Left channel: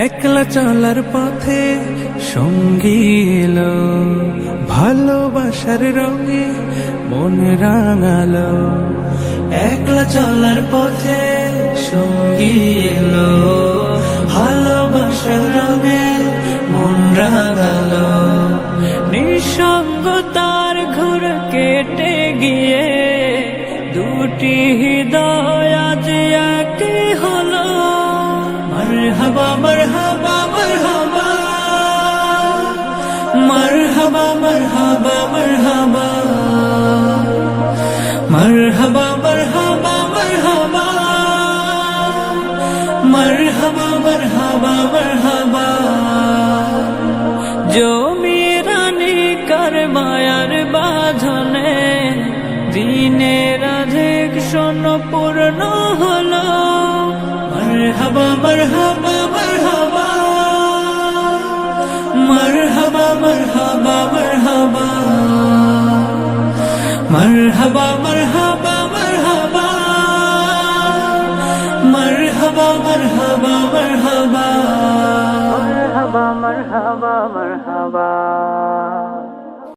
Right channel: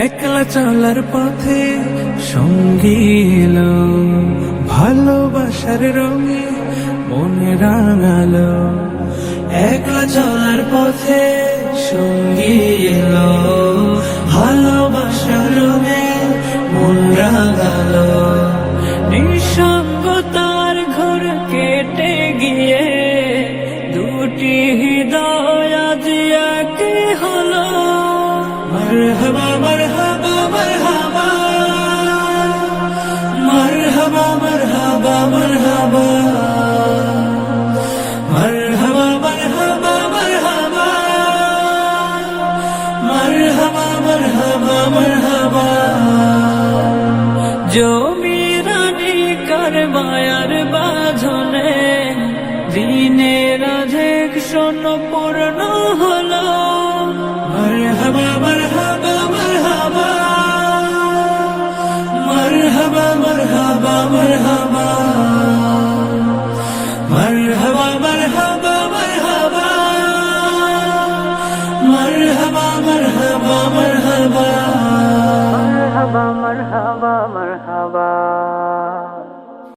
একলা চলার পথে সঙ্গী এলো, ভালোবাসার রঙে মন রাঙালো। একলা চলার পথে সঙ্গী এলো, ভালোবাসার রঙে মন রাঙালো। নিঃসঙ্গতার ঘোর কেটে গিয়ে দুটি হৃদয় আজ এক হলো। মারহাবা মারহাবা মারহাবা, মারহাবা মারহাবা মারহাবা, মারহাবা মারহাবা মারহাবা, মারহাবা মারহাবা মারহাবা। জমিরানি কার মায়ার বাঁধনে দিনের অধিক শোন পূর্ণ হলো। মারহাবা মারহাবা মারহাবা, মারহাবা মারহাবা মারহাবা, মারহাবা মারহাবা মারহাবা, মারহাবা মারহাবা মারহাবা, মারহাবা মারহাবা মারহাবা।